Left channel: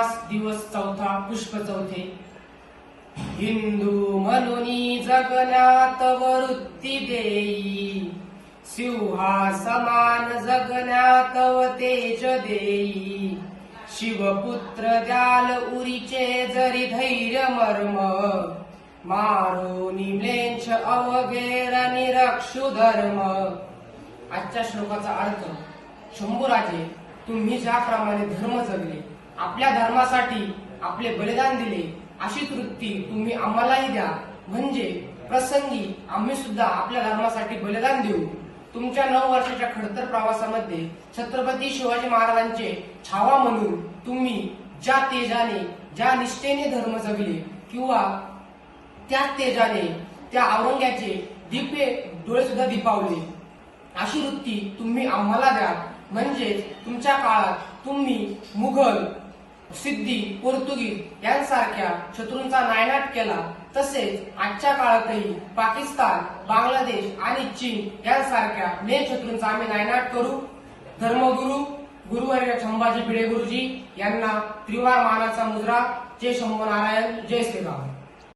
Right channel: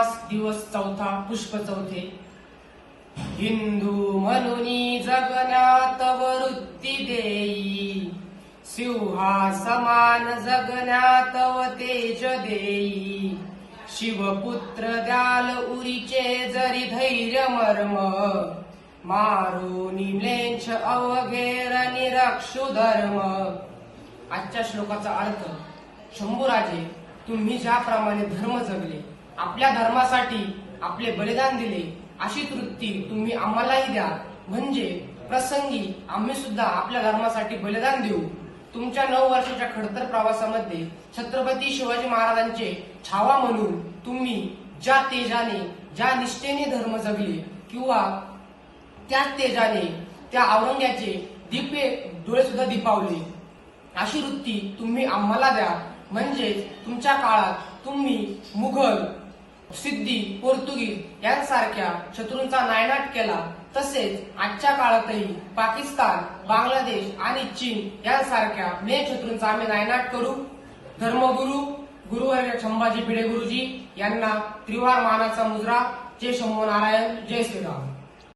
मास दिवस चौथा पुष्प चौथे. हिंदू म्हणून जगण्यात वृत्ती देई, सिंहासमान जगण्यात व तेज देई. शिवपुत्र द्याल उरीचे जरी धैर्य मर्म, मारुनी म्लेच्छ अवघेर निरक्षु धर्म. आजच्या श्लोकाचा अर्थ: शंभूराजे, तुम्ही ज्याप्रमाणे धर्म जगले, आपल्या धर्मासाठी आपले बलिदान दिले, अशीच वृत्ती तुम्ही आम्हालाही द्या, म्हणजे प्रसंगी आम्ही सुद्धा आपल्या धर्मासाठी बलिदान देऊ. तुमच्या 9 वर्षाच्या खडतर प्रवासामध्ये छत्रपती शिवाजी महाराजांचे छावा म्हणून तुम्ही ज्या तेजाने, ज्या निष्ठेने धर्म जगले, किंवा त्याच तेजाने त्या औरंग्याचे दिव्य डोळे सुद्धा दिपावले, अशी वृत्ती तुम्ही आम्हाला द्या. म्हणजे तुमच्या काळात तुम्ही मुघल, सिद्धी, पोर्तुगीज यांसारख्या शत्रूंचा नायनाट केला, तसेच आजच्या काळातही पाकिस्तान, बांगलादेश आणि चीन यांसारख्या मेन शत्रूंचा आम्ही नायनाट करू. धर्मगुरू गुरुवर्य संभाजी भिडे गुरुजी यांना त्रिवार मानाचा मुजरा. जय शंभू नारायण, जय श्रीराम.